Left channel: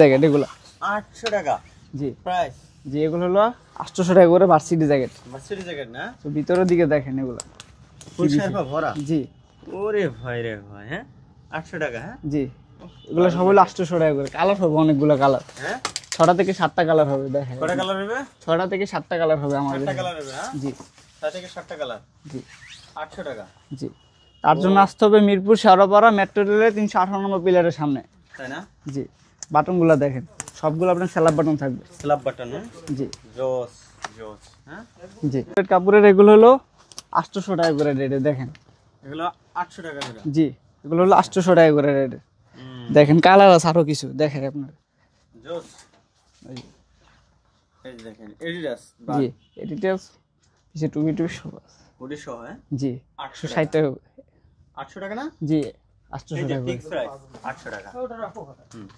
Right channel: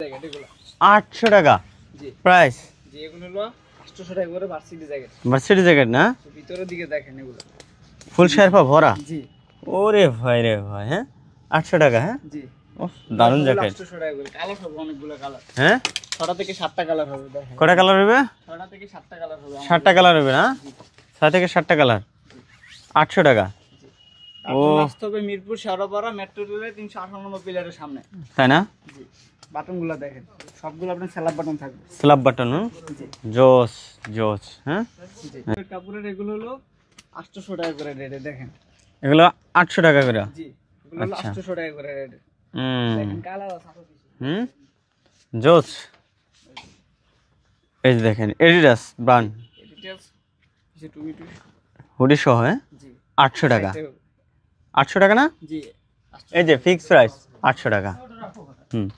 Jacket এগুলো 800 টাকা জি price. জি এগুলো হলো 800 টাকা করে ভার্সিটি জ্যাকেট। ভার্সিটি জ্যাকেট না? তো ভিতরের দিকে দেখেন এগুলো ফুল শেরপা ভরা। জি ওরে ভাই রে ভাই, হ্যাঁ 800 টাকা। হ্যাঁ জি উফ, এগুলো দারুণ সব হলো জ্যাকেট। 800 টাকা করে। কালার হবে অনেকগুলো কালার, হ্যাঁ 6টা থেকে 7টা কালার হবে। দেখেন কয়টা কালার হবে? 6টা থেকে 7টা কালার হবে আমাদের। 7টা কালার হবে না? জি 6 থেকে 7টা কালার। জি 800 টাকা। জি তার জন্য আসতে হবে মিরপুর শেওড়াপাড়া মেট্রো রেলের 318 নম্বর পিলারের সামনে। তাই না? জি বাটনগুলো দেখেন সবগুলো আপনার স্যালাব বাটন থাকবে। Slab button. জি জোস জোস। হ্যাঁ জি কাপড়ের এগুলো হলো 800 টাকা করে রেটে। দেখেন এগুলো 800 টাকা করে। জি এগুলো হলো 800 টাকা করে রেটে। হুম দেখেন কালার আছে আরো কিছু দেখেন আপনার। জোস। এই যে দেখেন এডিডাস ব্র্যান্ড ডিটেইলস কিছু টুবি টুবি সব আছে। হুডি সহ। হ্যাঁ জি 800 টাকা। 60 টাকা। 800 টাকা না? জি 800 এই যে টাকা। ফিক্স প্রাইস 800 টাকা। হুম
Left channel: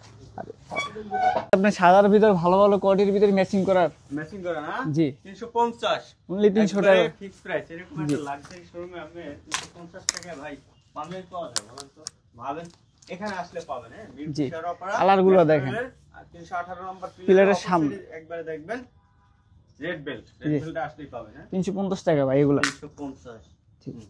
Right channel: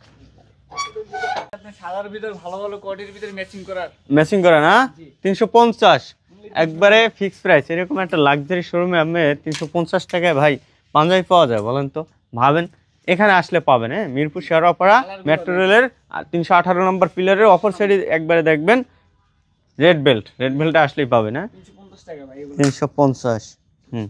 আপনি সাদার ভিতর ভালো ভালো কোয়ালিটির ভিতর ম্যাচিং করার। ম্যাচিং করা না? জি 350 only 300 একবারে টাকা। Fix price. এরকম একটা লাক্সারি শোরুমে আপনি 350 টাকায় ভাই পাঞ্জাবি পাওয়া যায় বলেন তো? ভাবেন এখানে আসলে পাবেন। হ্যাঁ মিরপুর শেওড়াপাড়া কালারগুলো মেট্রো দেখেন। রেলের 318 নম্বর পিলারের পিলারের অপর সামনে। সাইডে একবারে দেখবেন রেড বেল্টটা আসলেই পাবেন। হ্যাঁ 350 টাকা ভাই এগুলো। 350। হুম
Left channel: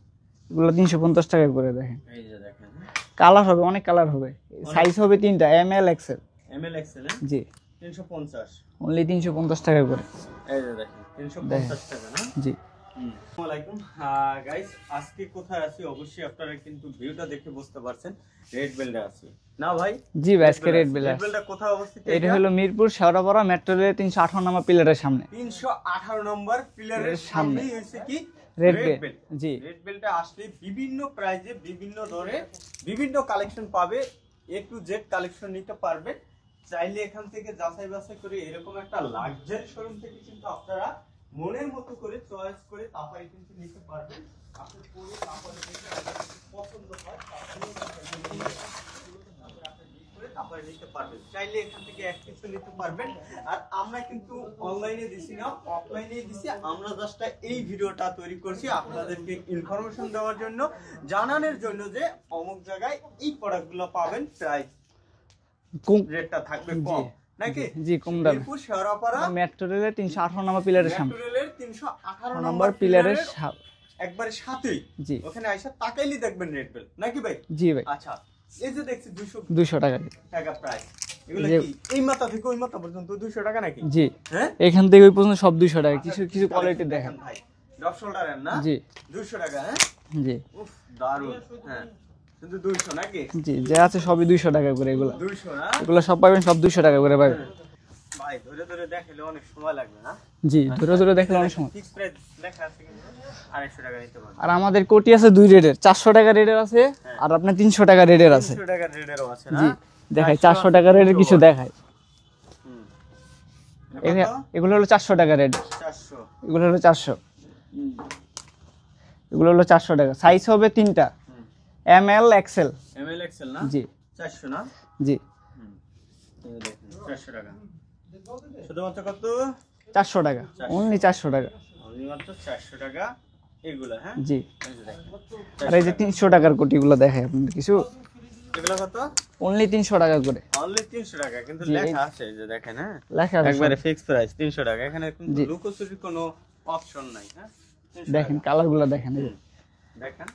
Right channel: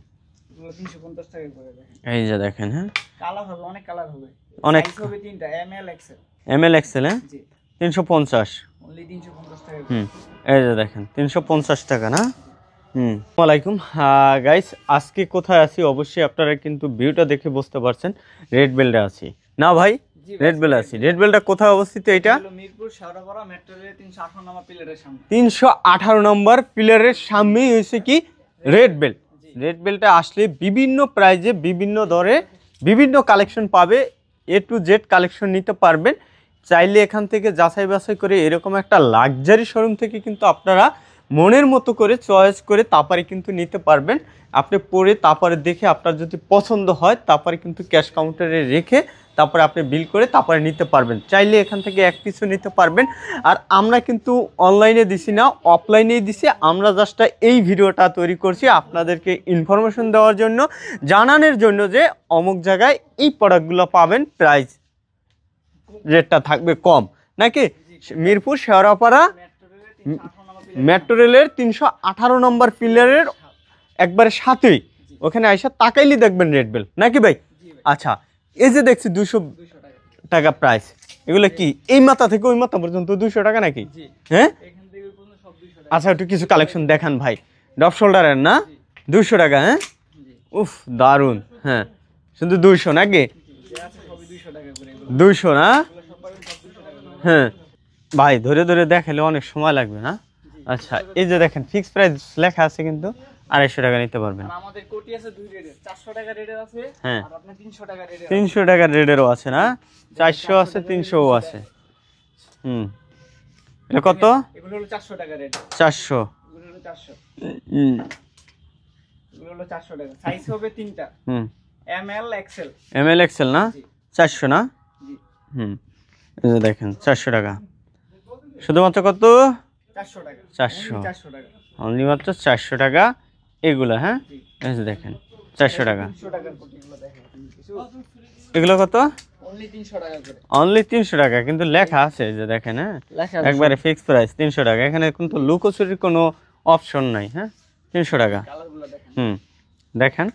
এগুলো 350 টাকা করে দেখেন। এই যে দেখেন। হ্যাঁ কালার হবে অনেক কালার হবে। অনেক। সাইজ হবে 3টা M L XL. M L XL. হ্যাঁ জি 350। অনলি 350 টাকা করে। হুম এই যে দেখেন 350 টাকা না? জি আসসালামু আলাইকুম গাইস, আজকে কোথায় আছি অবশ্যই আপনারা কিন্তু ভিউটা দেখে বুঝতে পারছেন। রেড বেল্টে আছি না ভাই? জি ভাই, রেড বেল্ট red আছি। bell রেড বেল্টটা কোথায় অবস্থিত? এটা এটা হলো মিরপুর শেওড়াপাড়া মেট্রো রেলের 318 নম্বর পিলারের সামনে। 318 নম্বর পিলারের সামনেই হয়েছে কি রেড bell। বেল্ট। জি রেড বেল্টে আসলে বিভিন্ন প্রাইজে বিভিন্ন দরে বিভিন্ন কালেকশন পাবে। এ টু জেড কালেকশন নিতে পারবেন। চাইলে এখান থেকে যাচাই বাছাই করে এরকম একটা লাক্সারি শোরুম থেকে কিন্তু আপনারা মনের মতো করে চয়েস করে তারপরে কিন্তু নিতে পারবেন। আপনি পরে তারপরে দেখে আপনার যদি পছন্দ হয় তারপরে কিন্তু ক্যাশ কাউন্টারে রেখে তারপরে আপনি বিল করে তারপরে নিতে পারবেন। চাইলে এখান থেকে এক পিসও নিতে পারবেন। আর আমরা কিন্তু অনলাইনে দিছি না, অফলাইনেই দিছি। আমরা জাস্ট এই ভিডিওটা তৈরি করছি আপনাদেরকে ইনফরমেশন দেওয়ার জন্য, জানানোর জন্য যে অমুক জায়গায় এই প্রোডাক্টগুলো পাবেন, প্রাইস রেটটা থাকবে কম নাকি? জি, কম দামে। মিরপুর শেওড়াপাড়া মেট্রো রেলের 318 নম্বর পিলারের মেট্রো রেলের 318 নম্বর পিলারের একবারে সাথেই জি ওখানে আইসা তাকাইলি দেখবেন রেড বেল নাকি ভাই? জি ভাই আচ্ছা এই যে দেখছি 200 টাকা। টাকা প্রাইস। এগুলো জি। কি এই মাথা থেকে ওই মাথা পর্যন্ত 200 টাকা নাকি? জি হ্যাঁ এখান থেকে ওই পর্যন্ত সব 200 টাকা। আচ্ছা একটু কিছু কালেকশন দেখান ভাই। ডপ শোল্ডারের না? জি 200 টাকা। হ্যাঁ জি উফ দারুন। হ্যাঁ শুধু 200 নাকি? জি যা আছে সবই 200 টাকা করে। এগুলো 200 না? এগুলো সব পাবেন সব 200 টাকা করে ভাই। হ্যাঁ ভাই ধরে ধরে দেখালে অনেক সময় লাগবে না? জি আচ্ছা, ধরে ধরে এই যে দেখেন দেখেন ফিক্স প্রাইস লেখা আছে কিন্তু 250 টাকা নিতে পারবেন। আর আমাদের কোটি আছে দুই রেটের, 400 টাকা রেটের আছে হ্যাঁ। আর আপনার 300 টাকা রেটের আছে। 300 টাকার রেডেরও আছে না? দেখাই 400 টাকা রেটের কিছু দেখাই। হুম এটা কত? এগুলো হলো 400 টাকা রেট। 400। এগুলো হলো 400। হুম এগুলো হলো 400 টাকা। সাইজ হবে 3টা হুম M L XL. M L XL না? জি 400 না? জি হুম এই যে দেখেন 400 টাকা। শুধুমাত্র কত? 400 টাকা। 400 অনলি 400 টাকা। অনলি মাত্র 400 টাকা এগুলো। হ্যাঁ জি এই যে দেখেন আর 400 এই যে টাকা। 300 টাকার কোটিগুলো দেখাই আপনাদের কিছু। এগুলো কত? অনলি 300 টাকা করে অনলি 300 টাকা কিন্তু লেখা আছে এই যে দেখেন। হ্যাঁ লেখা আছে। একবারে ফিক্স প্রাইস 300 টাকা। এখানে কিন্তু লুকোচুরির কোনো অপশন নাই। হ্যাঁ 300 টাকা। কালারগুলো দেখেন। হুম দেখেন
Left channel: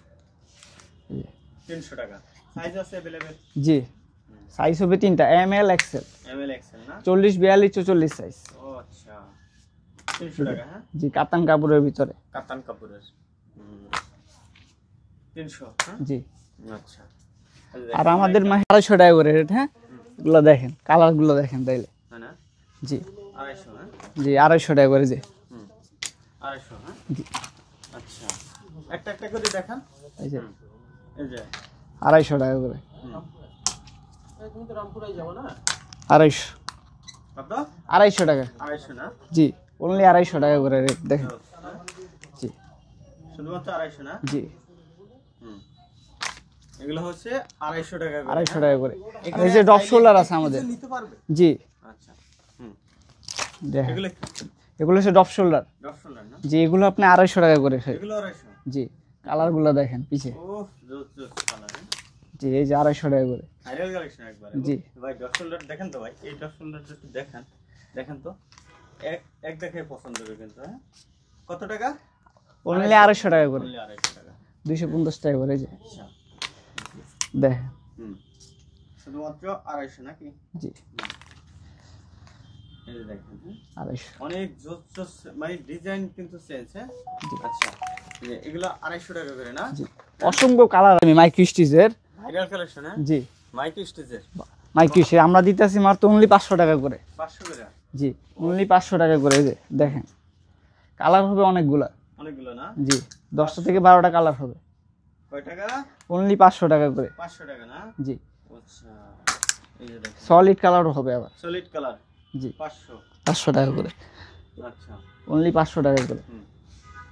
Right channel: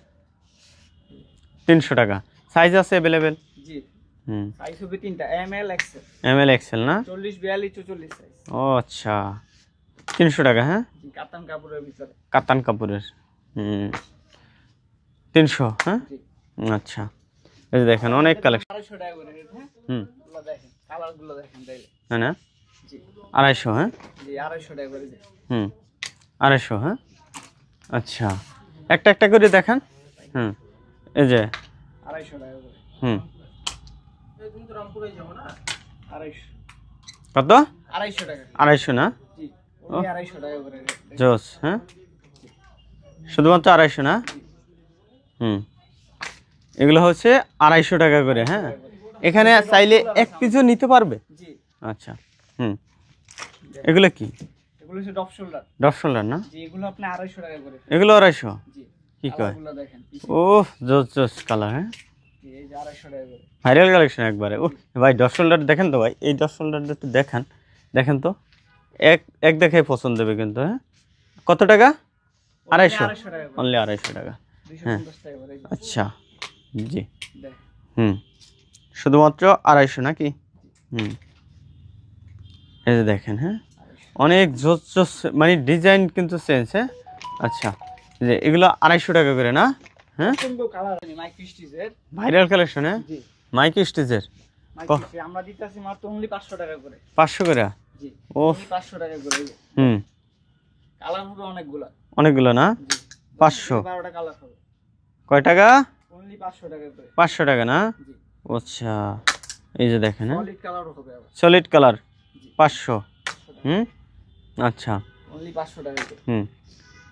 300 টাকা। সাইজ আছে अवेलेबल? জি হুম সাইজ হবে 3টা M L XL. M L XL না? 40 42 44 সাইজ। ও আচ্ছা 300 টাকা। হ্যাঁ জি কাতান কাপড়ের ভিতরে। কাতান কাপড়ের। হুম 300। হ্যাঁ জি আচ্ছা এই যে আর দেখেন অনেক আমাদের কালেকশন। 250 টাকা করে রেট। হ্যাঁ হুম এগুলো দেখেন কালারগুলো দেখেন তাইলে। না না জি 250। হ্যাঁ জি 250 টাকা করে যে। হুম 250। হ্যাঁ আচ্ছা একটা একটা করে দেখান। এই যে হুম এই যে 250 টাকা করে। হুম 250 কত? 250 টাকা। 250 না? জি অনলি 250 টাকা করে রেট দেখেন। জোস। হ্যাঁ জি শুধুমাত্র 250 না? জি হুম এগুলো হচ্ছে 250 টাকা করে। 250 হ্যাঁ টাকা করে। এখানে এই যে ডগ চাইলে শোল্ডার এক আছে পিসও আমাদের। নিতে পারবে। জি আচ্ছা হুম দেখেন। এগুলো কি? এগুলো হচ্ছে ডপ শোল্ডার। ডপ শোল্ডার না? জি এগুলো আপনি 250 টাকা করে। এগুলো 250। জি কি কয়? কালারগুলো দেখেন পিছে। ও জোস জোস কালার। হ্যাঁ জি এই যে 250 টাকা করে ভাইরাল কালেকশন একবারে। জি। ভাই ডট শোল্ডার দেখেন তো ভাই, এই ডট শোল্ডারটা একটু দেখান, দেখেন তো, এক এক দেখে পছন্দ হবে কিন্তু। হ্যাঁ, কত টাকা? অনলি 250 টাকা করে, অনলি 250 টাকা। 250 টাকা করে এই যে আচ্ছা, জি। দেখেন। হুম, শুধুমাত্র 250 নাকি? জি হুম, এই যে দেখেন। হ্যাঁ, 250 অনেক জোস জোস মানে ডিজাইন কিন্তু চেঞ্জ। হ্যাঁ, আচ্ছা, যে এগুলো 250 টাকা করে না? জি হ্যাঁ? অসংখ্য কালার আমি মাইক্রো স্টিচের। Viral collection. হ্যাঁ, জি মাইক্রো স্টিচের মাইক্রো স্টিচ আমরা দিতেছি মাত্র অনলি 500 টাকা করে। 500 করে? জি ওফ। অনলি 500 টাকা করে এই যে দেখেন। কালার হবে অনেকগুলা। অনেকগুলো না? জি 10 থেকে 12টা কালার হবে। কয় টাকা? অনলি 500 টাকা করে। 500 টাকা না? জি আচ্ছা, এই যে দেখেন সলিড কালারও হবে আবার। সলিড কালার জি 500। 500 টাকা করে, আচ্ছা, অনলি 500 টাকা করে। হুম,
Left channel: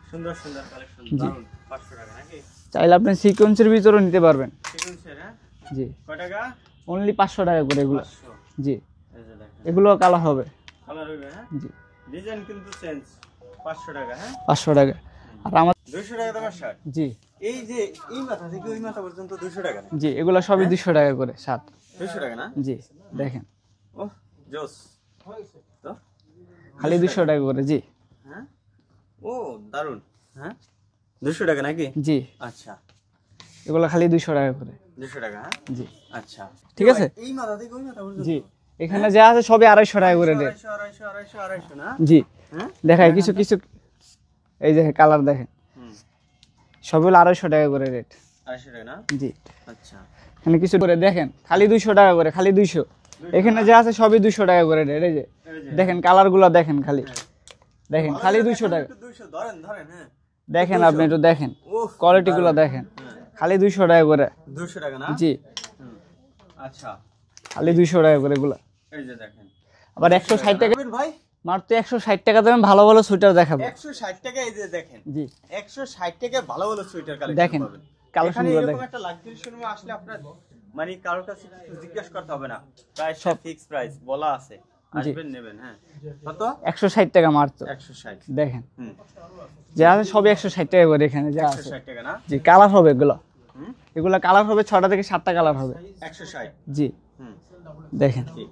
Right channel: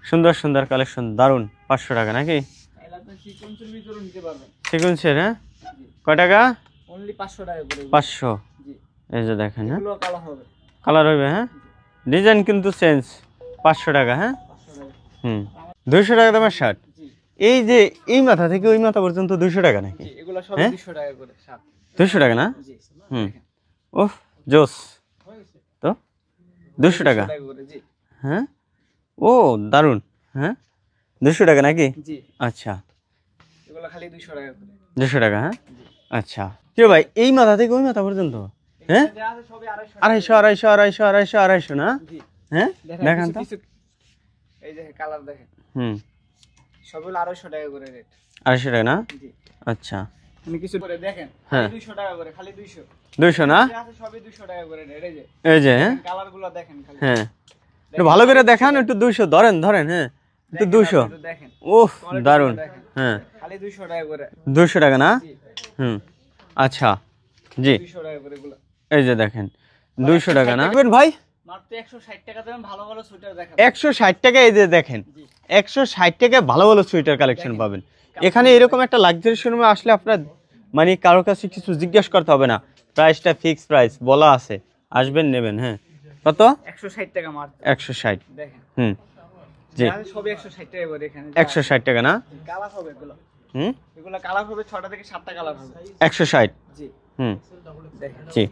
সুন্দর সুন্দর কালেকশন, দারুন। 500 টাকা নাকি? চাইলে আপনি সিকোয়েন্সের ভিতরেও নিতে পারবেন। সিকোয়েন্সের? হ্যাঁ, জি কয় টাকা? অনলি 500 টাকা করে এগুলো। 500। জি এই যে দেখেন, এগুলো কালার হবে। কালার হবে। হ্যাঁ, জি ডিজাইন কিন্তু চেঞ্জ। 500 টাকা। হ্যাঁ, 500 টাকা। হুম, আর আমার 200 টাকা দামের শার্ট। জি এই যে এই মাথা থেকে ওই মাথা পর্যন্ত 200 টাকা নাকি? জি এগুলো সবই হ্যাঁ? 200 টাকা করে শার্ট। 200 টাকা না? জি হুম। দেখেন ওহ, জোস তো। 200 টাকা? টাকা করে। জি হ্যাঁ, ও দারুন। হ্যাঁ, 200 টাকা নাকি? জি আচ্ছা, এগুলো খালি 200 টাকা করে। 200 টাকা। হ্যাঁ, জি আচ্ছা। ঠিক ভাই আছে? এই মাথা থেকে ওই মাথা পর্যন্ত জি এখানে যা আছে সবই 250 টাকা করে। 250 না? জি হ্যাঁ, দেখাই দেখান কিছু তো। কিছু এই যে কালার দেখেন, হুম, সবই হলো 250 টাকা করে রেট। 250 টাকা না? জি আচ্ছা, এখানে কিছু করে দেখেন খালি হ্যাঁ। 200 টাকা করে, খালি 200। 200 না? এখানে যা আছে সবই 200 টাকা করে রেট। এই যে এই যে, হ্যাঁ, দেখেন কালারগুলো দেখেন খালি। হ্যাঁ, একটু দেখেন, ভালো খালি করে 200 দেখান, টাকা। একটু 200 ধরেন ধরেন। হ্যাঁ, একটু দেখেন 200। আপনি একটু দেখেন ওহ, কোয়ালিটিগুলো দারুন। দেখেন। হ্যাঁ, খালি 200 টাকা করে। 200 টাকা না? জি হুম, আচ্ছা, খালি জি, 200 টাকা করে এগুলো। এই যে দেখেন আবার 200 টাকা 160 না? টাকা। ভাই মাত্র 160 টাকা দেবেন, ভালো ভালো সোয়েটার দেখাবো। 160 টাকা। এই যে দেখেন জি 160 টাকা ভালো ভালো সোয়েটার কালেকশন দেখেন, পাবেন কালেকশনগুলো এখানে। এরকম দেখেন। একটা লাক্সারি শোরুমে আসলে আপনার মানে কারোর কাছে কিছু জিজ্ঞেস করতে হবে না, প্রাইসটা ফিক্স প্রাইস বলা আছে, আসবেন নেবেন। হ্যাঁ, কত? 160 টাকা মাত্র। 160। দেখেন হুম, যা আছে সবই 160 টাকা করে এখানে যা আছে। 160 টাকা না? জি কালার হবে এগুলো। হুম, এগুলো কালার হবে 6টা থেকে 7টা কালার হবে। 160। জি হুম, দেখেন জি,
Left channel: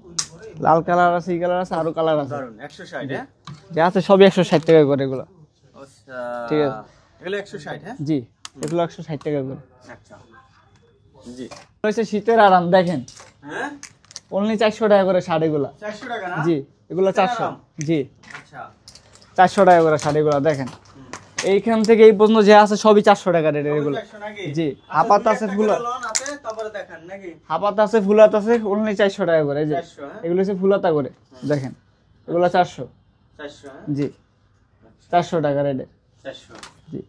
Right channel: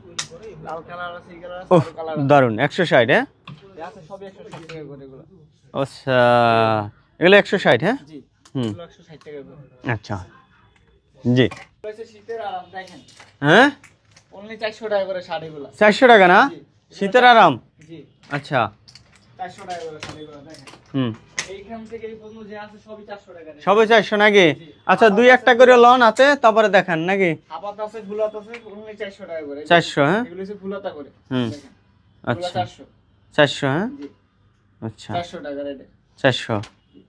লাল কালার আছে, এই কালার আছে, আরো কালার আছে। দারুন। 160? হ্যাঁ, যা আছে সবই 160 টাকা করে এগুলো। আচ্ছা, এগুলো 160? হ্যাঁ, জি এগুলো 160 টাকা করে। আচ্ছা, জি, হচ্ছে শীতের আরাম দেখেন, হ্যাঁ, অনলি 400 টাকা করে শাড়ি গুলা। 400 টাকা না? জি এগুলো শীতের 400 আরাম। জি আচ্ছা, 400 টাকা করে শাড়ি গুলা দেখেন। হুম, এইখান থেকে এই পর্যন্ত যে আছে সবই 400 টাকা রেট। সবাই 400 নাকি? জি। আচ্ছা, হাফাত দুই আছে, একটা করে ফুলাত। লন হাতে, তারপরে দেখান নাকি? হাপাত আছে, ফুলাত আছে, অনলি 400 টাকা করে। এই যে 400? হ্যাঁ, এগুলো হচ্ছে ফুলাতা করে হুম। দেখেন, এগুলো আচ্ছা। 400। 400? হ্যাঁ, জি আচ্ছা, 400 টাকা রেটে। 400। জি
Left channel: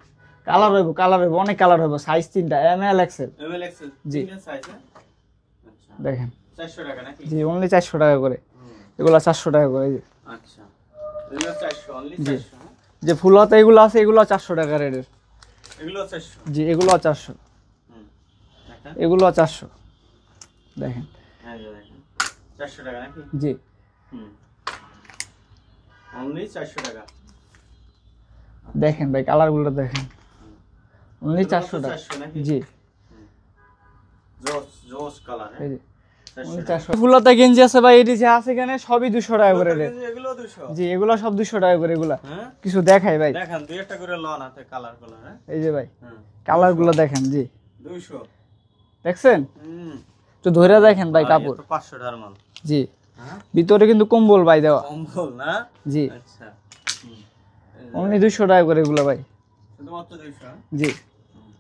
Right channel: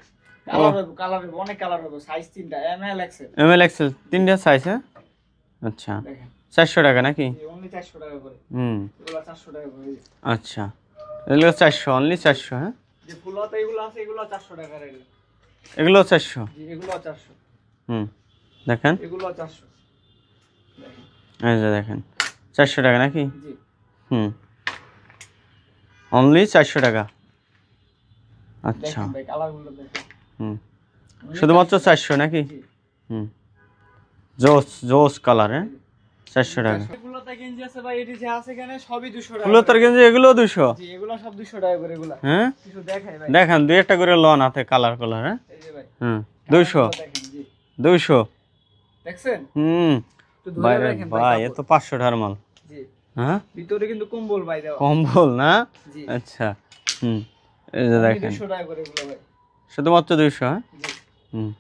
কালার হইব, কালার হইব, অনেক কালার হইব, সাইজ 3টা, M L XL. M L XL তিনটা সাইজ? হ্যাঁ, আচ্ছা, দেখেন 400 টাকা নাকি? জি অনলি 400 টাকা করে। হুম, এগুলো 400 টাকা করে। এই যে আচ্ছা, এগুলো 400, অনলি 400? হ্যাঁ, যে ফুলাতা এগুলো আছে, এগুলো 400 টাকা রেটের। এগুলো 400? জি এগুলো 400। হুম, দেখেন, এগুলো 400 দেখেন। এই যে দেখেন 400 টাকা নাকি? জি হুম, অনলি 400 টাকা। আচ্ছা, দেখেন ভাই কালারগুলো দেখেন। হুম, Only শুধুমাত্র 400 টাকা। 400 নাকি? জি হুম, জোস জোস কালার। হ্যাঁ, এই যে 400 টাকা। ফুলাতা গেঞ্জি আছে ভাই, এটি যা আছে এখানে সবই 200 টাকা এগুলো করে তার রেট। কিন্তু এগুলো 200? জি এগুলো সব 200 টাকা করে এগুলা। হ্যাঁ, কিছু দেখাই ভাই, দেখান দুই একটা করে লন হাতে, কালার কালার। হ্যাঁ, এই যে ভাই হুম, কালারগুলো 200? দেখেন। জি 200? দেখছেন, হুম, একটু ধরে দেখেন ভাই এ কাপড়। তো 500 টাকার মাল। জি হ্যাঁ, ভিতরে কিন্তু কম্বল ভাই দেওয়া। কম্বল না? জি আচ্ছা, হুম, এই যে অনলি দেখেন 200 টাকা করে এগুলো ভাই। শুধুমাত্র 200? হ্যাঁ, জি হুম,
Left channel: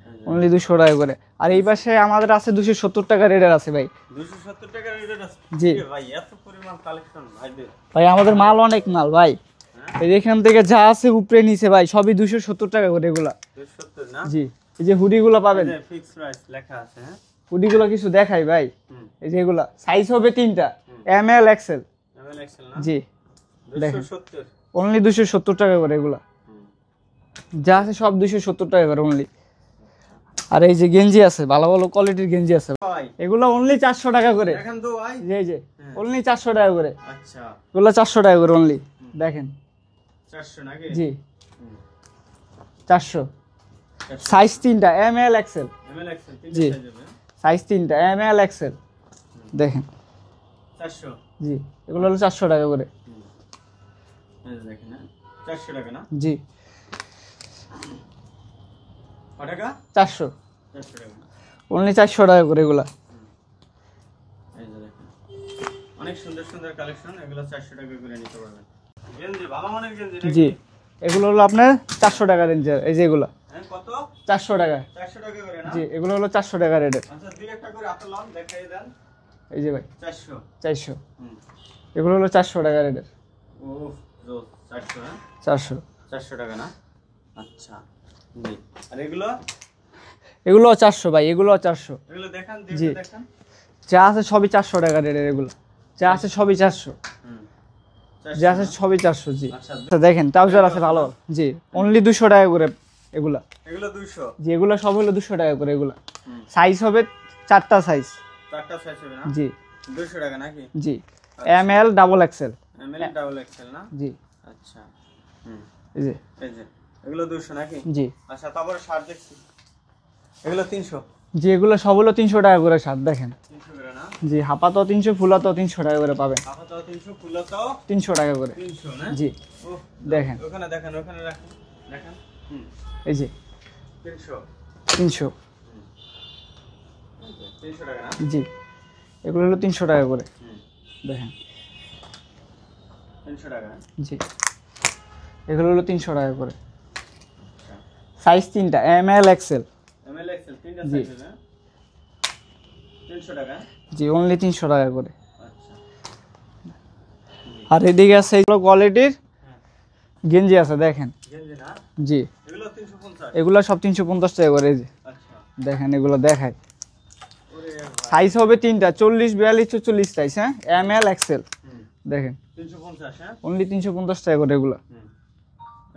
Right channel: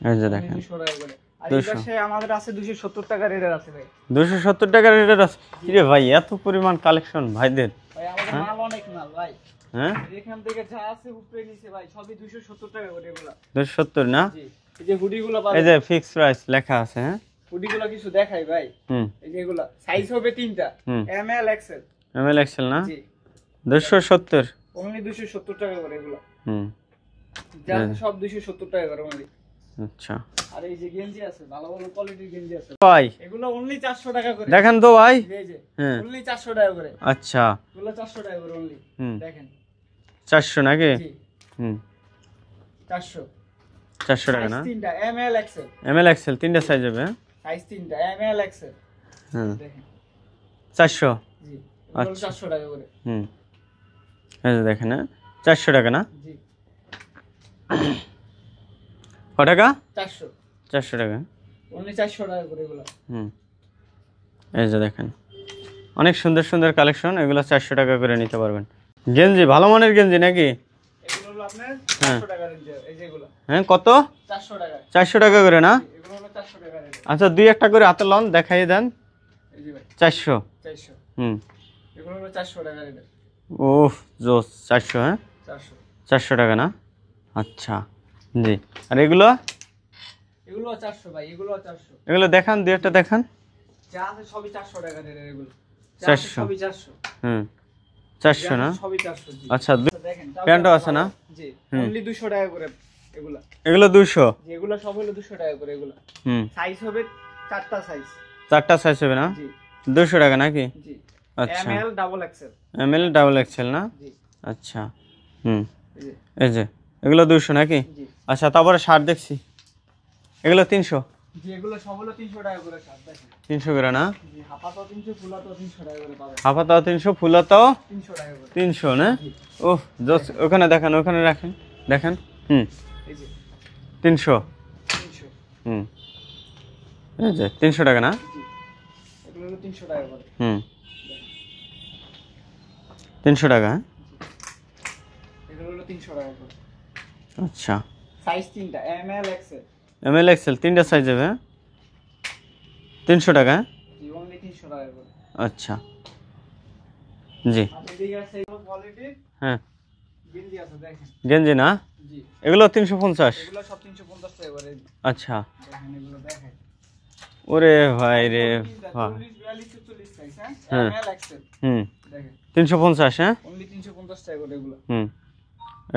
এই যে অনলি দেখেন 200 টাকা করে। আর এই 200 পাশে আমাদের আছে 270 টাকা রেটের আছে ভাই। 270 টাকার রেটের আছে? জি। রে ভাই, এত পরিমাণ কালেকশন ভাইদের। ভাই আমাদের মাল অনেক মাল ভাই। হ্যাঁ, এই এখান থেকে যা আছে উপরে নিচে ভাই সবই 270 টাকা করে এগুলা। 270 না? জি এই যে হুডি গুলা এই পাবেন, যে ফিক্স প্রাইস লেখা আছে। হ্যাঁ, হুডি গুলা কিছু দেখাই ভাই। হুম, এই যে এগুলা সাইজ হবে 3টা, হুম। M L XL. M L XL না? জি 270? অনলি 270 টাকা করে এগুলা। হুম, যা আছে সব 270 টাকা করে অনলি। আচ্ছা আর এই যে গেঞ্জি আছে, ভালো ভালো কোয়ালিটির গেঞ্জি আছে ভাই, এগুলো অনলি 400 টাকা করে। দেখেন তো ভাই। এই যে হ্যাঁ, অনলি 400 টাকা করে আচ্ছা, এগুলো, 400 টাকা করে অনলি। হুম। দেখেন 400 নাকি? জি হুম, 400 400 সাইজ টাকা না? 3টা, M L XL. M L XL তিনটা জি। সাইজ হবে? হ্যাঁ, সাইজ তিনটা, এম এল এক্সেল। হুম দেখেন 400। জি, এগুলো হলো 400 টাকা করে। হুম এই যে দেখেন, 400 টাকা না? জি, ক টাকা? 400, 400 টাকা। অনলি 400 টাকা করে এগুলা। হুম এই যে দেখেন, অনেক সুন্দর সুন্দর কালেকশন, এগুলো 400 টাকা করে নিতে পারবেন। গেঞ্জি ভালো মানের গেঞ্জি নাকি? এগুলো হলো আপনার 400 টাকা রেঞ্জের, এই যে এগুলা। হ্যাঁ কত? 400 টাকা। 400 টাকা করে না? জি, এগুলো হলো 400 টাকা রেটের। আচ্ছা দুই একটা করে হাতে লন, দেখাই দেন। এই যে ভাই 400। 400, হুম এগুলো হলো 400 টাকা রেটের। ওহ জোস, 400। হ্যাঁ 400, 400 টাকা না? আচ্ছা জি। আর এগুলো? এগুলো 400 ভাই, এগুলো 400। এগুলো দেখান, দুই একটা দেখান। যা আছে সবই 400 টাকা রেটের এগুলো, যা আছে 400 সবই 400। হুম যা 400 আছে না? সবই 400। জি আচ্ছা আচ্ছা, দেখেন ট্রাউজার প্যান্টও আছে আছে ভালো। না? জি, অনলি 200 টাকা করে এগুলা। এগুলো 200। জি, এগুলো সব হলো 200 টাকা করে এগুলা। হুম সাইজ হবে 4টা সাইজ। 4টা সাইজ হবে না? জি 200 টাকা নাকি? জি, আচ্ছা। M L double XL. M L double XL না? জি আচ্ছা হুম এই যে। এই যে এগুলো 200 নাকি? জি আচ্ছা তারপরে শার্ট দেখছি, এগুলো 300। জি, এগুলো সব হলো 300 টাকা করে শার্ট। দেখেন 300 করে না? জি, হাফাতাও 300, ফুলাতাও 300 টাকা করে পাবেন। হাফাতাও 300, ফুলাতাও 300 টাকা করে। 300 না? জি ওহ জোস, দেখেন। ওখানে দেখান, ওখানে রাখেন, দেখেন। হুম এই যে 300। 300। হুম এই যে 300 টাকা না? জি, এগুলো হলো 300 টাকা করে। হুম দেখেন 300 টাকা। হ্যাঁ? জি, এগুলো হলো 300 টাকা করে। আচ্ছা সাইজ তিনটা, M L XL. M L XL তিনটা সাইজ হবে। হ্যাঁ? 300 টাকা। হ্যাঁ? জি, অনলি 300 টাকা করে। আচ্ছা জি। আর এদিকে আছে এগুলো কোয়ালিটির হ্যাঁ গেঞ্জি আছে, দেখেন। গেঞ্জি না? জি, এগুলো 350। এগুলো সব 350 টাকা করে। এই যে আচ্ছা দেখেন, এগুলো দেখায়। ওরে ভাই সাইজ রে হবে তিনটা, বাহ। 40, 42, 44 সাইজ। হ্যাঁ, এম এল এক্সেল। হুম দেখেন 350। হ্যাঁ অনলি 350 টাকা করে এগুলো। হুম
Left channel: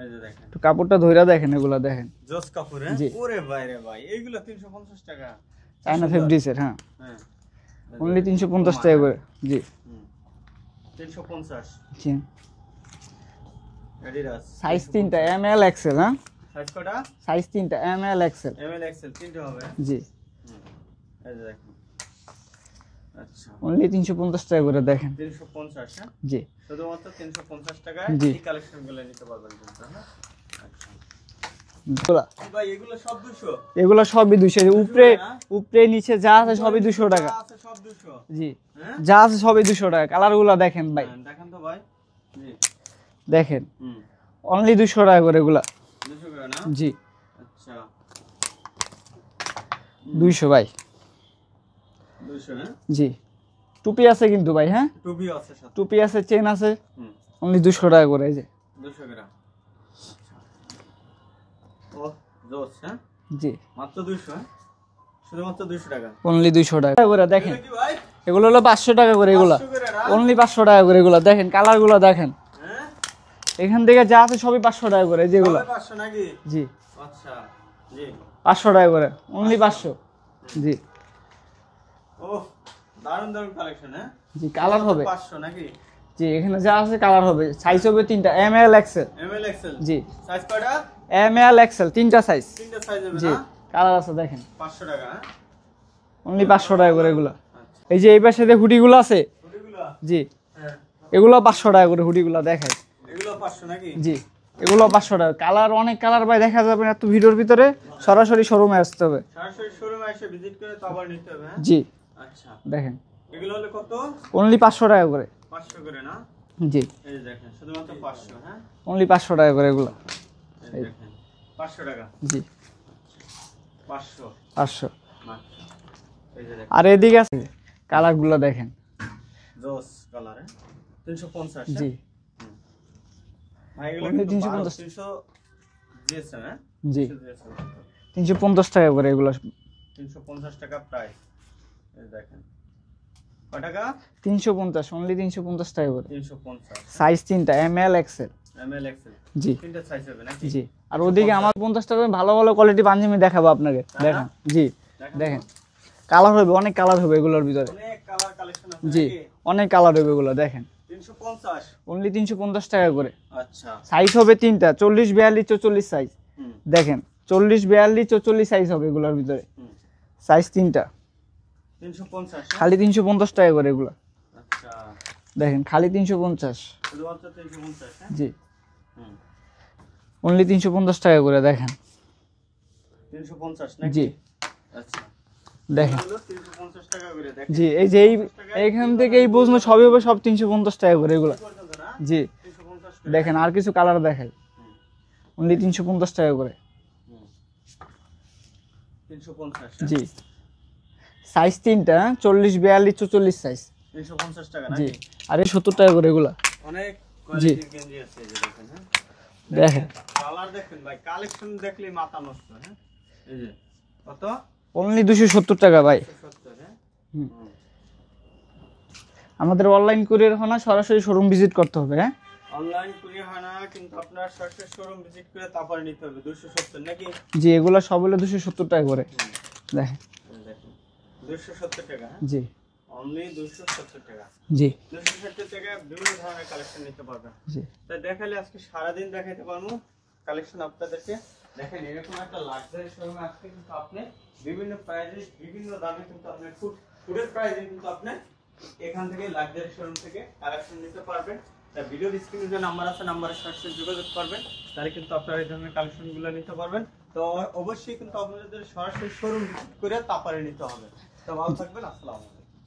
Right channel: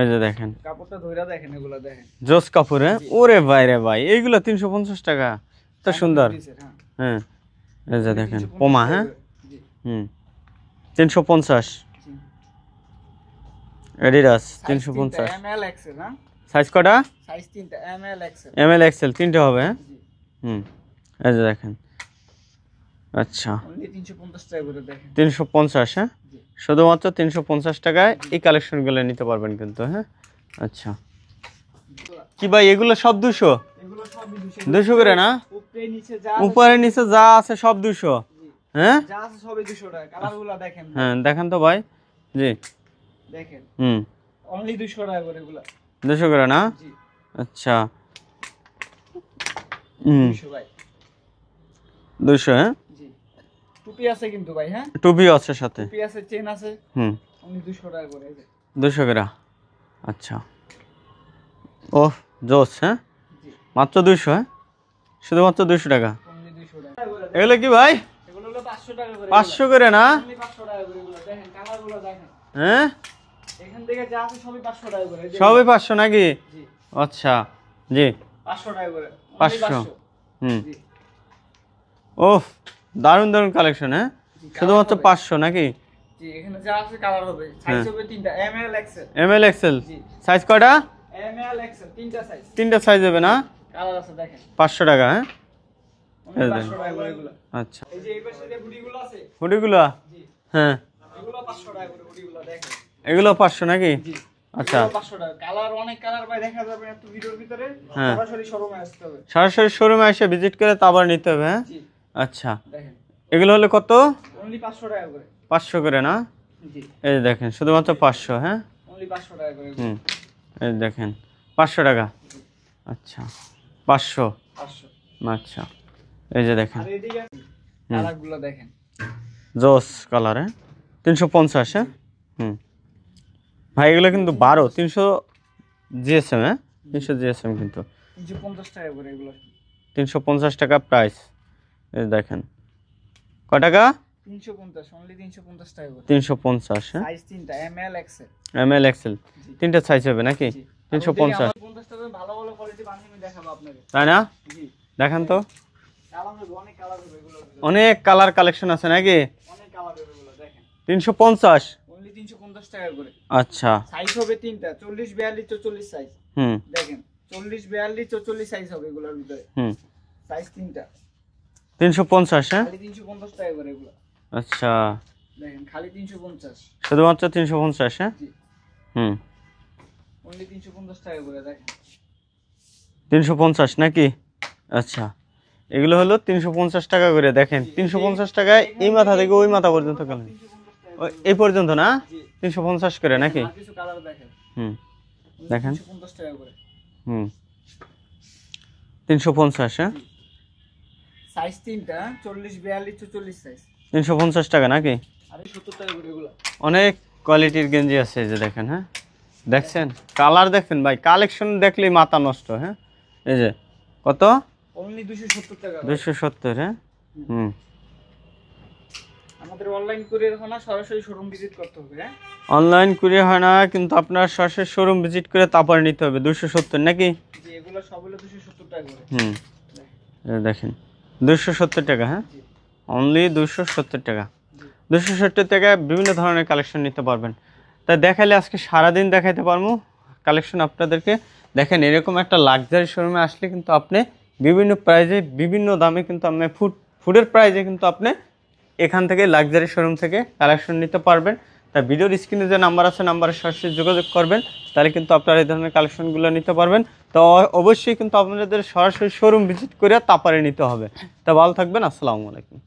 এই যে দেখেন, তো কাপড়টা ধইরা দেখেন, এগুলো দেখেন। জোস কাপড়। হ্যাঁ? জি। ওরে ভাই রে ভাই, এইগুলো 350 টাকা, তো সুন্দর। ফেব্রিক্সের, হ্যাঁ, হ্যাঁ এই যে অনলি দেখেন 350 পোমা। টাকা হ্যাঁ করে। জি হুম 350। জি, এডিডাস সাইজ তিনটা, 350। M L XL. হ্যাঁ, সাইজ কটা? সাইজ তিনটা, M L XL. M L XL তিনটে হবে। হ্যাঁ জি, হুম এই যে দেখেন। আচ্ছা অনলি 350 টাকা করে। দেখেন 350। হ্যাঁ জি শুধুমাত্র 350 টাকায় জি। এই কালেকশনগুলো নিতে পারবেন কিন্তু। হ্যাঁ আচ্ছা এগুলা- কি ভাই এগুলো সব 200? এগুলো সবই 200 200 করে না? উপরে নিচে যা আছে উপরে সবই নিচে 200 যা টাকা। আছে সব 200? জি, হ্যাঁ যা আছে সবই 200 টাকা। কালার গুলা দেখেন ভাই, হ্যাঁ দেখেন তো ভাই। জি দেখেন হুম অনলি 200 টাকা করে এগুলা। 200 করে না? জি আচ্ছা 200 ভাই। 200। হ্যাঁ জি, টুপি আছে কিন্তু ভাই। হ্যাঁ, টুপি আছে সাথে। টুপি আছে, চেন আছে, হুম অনলি 200 টাকা করে। এই যে 200 করে। আচ্ছা ওহ জোস। হ্যাঁ জি, মাত্র 200? হ্যাঁ শুধুমাত্র 200 টাকা। অনলি 200 টাকা করে। দেখেন এগুলো কি ভাই এগুলো হলো 500 টাকা করে এগুলা। 500 করে না? অনলি 500 টাকা করে এগুলা। দেখেন কালার গুলা দেখেন, হ্যাঁ এখান থেকে যা আছে সবই 500 টাকা করে। এই যে সবই 500 নাকি? জি, আচ্ছা জি 500 টাকা করে, অনলি 500 500। হুম জি ওহ দারুণ দারুণ কালেকশন। হ্যাঁ জি, কালার শুধুমাত্র হবে। 500 নাকি? জি, এখানে যা আছে কালার হবে। সাইজ হবে তিনটা, M L XL. M L XL জি, সাইজ কয়টা? এম এল এক্সেল, তিনটা সাইজ। তিনটা সাইজ হবে না? কালার আছে দেখেন, 500 টাকা। হ্যাঁ অনলি 500 টাকা করে এগুলা। আচ্ছা এই যে এই পাশে যে হুডিগুলো আছে, হুডিগুলা? জি, হ্যাঁ এগুলো 500 টাকা করে হুডিগুলো দেখায়। এগুলো 500 নাকি? জি, এগুলো 500 টাকা। কালার অনেক কালার ভাই দেখা যাবে না এত ভিডিওর ভিতরে। সরাসরি শোরুমে আসতে হবে। সরাসরি শোরুমে এসে ভিজিট করে তারপর নিতে হবে। হ্যাঁ জি আচ্ছা দেখেন, এগুলো হলে কত? অনলি 500 টাকা করে। 500 করে না? জি, এই যে দেখেন শুধুমাত্র 500। হ্যাঁ অনলি 500 টাকা করে এগুলো। এই যে দেখেন 500 টাকা। জি, আচ্ছা 500। 500। আচ্ছা এই যে দেখেন আর এদিকে আছে কালার গুলো দেখেন। জোস কালার। হ্যাঁ 350। হ্যাঁ জি হুম ভাই এগুলো কিন্তু 12 300 জিএসএম। হ্যাঁ 300 জিএসএম কিন্তু 350 টাকা করে এগুলো। 350 টাকা প্রাইস। এই দেখেন কয় টাকা? 350, অনলি 350 টাকা করে। 350। হ্যাঁ সাইজ তিনটা, M L XL. M L XL জি তিনটা সাইজ হবে নাকি? জি, আর ওদিকে 350। আমার 50 টাকা করে ভালো ভালো কোয়ালিটি পাঞ্জাবি দেখাবো আপনাকে। তাই না? জি, দেখেন তো কালার হবে, অনেক কালার হবে এগুলোর ভিতরে। অনেক কালার কালেকশন আছে নাকি? অনেক কালার হবে এগুলো দেখেন। 350। অনলি 350 টাকা করে। আচ্ছা সাইজ হবে তিনটা, 40, 42, 44 সাইজ। হুম দেখেন 40, 42, 44 সাইজ হবে এগুলোর ভিতরে। হুম সাইজ তিনটা। 350, হ্যাঁ? খালি 350 টাকা করে এগুলো। আচ্ছা, দেখেন খালি 350। শুধুমাত্র 350, হ্যাঁ? জি, হুম, অনলি 350 টাকা করে দেখেন। 350 নাকি? আচ্ছা, এগুলো হলো 350 টাকা করে। দেখেন জি, এই যে 350 টাকায় এখান এই মাথা থেকে থেকে ওই মাথা সবই পর্যন্ত সব চলে। 350 টাকা করে এগুলো। এই পর্যন্ত না? জি, 350 করে দেখেন নাকি? আর কিছু কালার দেখাই, হুম, অনলি দেখেন। 350 টাকা করে। হুম, 350, হ্যাঁ? জি, সাইজ তিনটা, 40, 42, 44 সাইজ। 350 টাকা নাকি? আর এই 70 টাকা করে এগুলা। অনেক কোয়ালিটির গেঞ্জি আছে, এই যে দেখেন, হ্যাঁ? দেখছেন কালার, দেখেন ভাই, কালেকশন দেখলেই মাথা নষ্ট, হ্যাঁ? এই যে কত? অনলি 270 টাকা ভাই। 270, হ্যাঁ? হুম, আমাদের অনলাইন কুরিয়ার হয় না, সরাসরি শোরুম ভিজিট করতে হবে। হ্যাঁ, অনলাইন কুরিয়ার হয় না, কিন্তু আপনার সরাসরি শোরুম ভিজিট করে তারপরে নিতে হবে। 270 নাকি? জি, এগুলা সব হলো 270 টাকা করে। হুম, দেখেন। এই দেখেন 270 টাকা, হ্যাঁ? জি, অনলি 270 টাকা। জি, 270 টাকায় বিভিন্ন ধরনের কালেকশন নিতে পারবেন। জি। তাই দেখালে আজকে সারাদিন দেখাইতে পারবো কালেকশন আপনাদেরকে। দেখেন এরকম একটা লাক্সারি শোরুমে আসলে কিন্তু আপনি বিভিন্ন প্রাইজে বিভিন্ন দামে কিন্তু আপনি ফুডের প্রাইজে কিন্তু আপনি এখান থেকে লাক্সারি শোরুম থেকে কালেকশন নিতে পারবেন। তাই ভিডিওর স্ক্রিনে যে নাম্বার আছে, নাম্বারে সরাসরি যোগাযোগ করবেন, তাহলে কিন্তু আপনারা এই ধরনের কালেকশনগুলো নিতে পারবেন। তো অবশ্যই কিন্তু আপনাদের সরাসরি শোরুম ভিজিট করে তারপরে নিতে হবে। তা ভালো থাকবেন, আসসালামু আলাইকুম।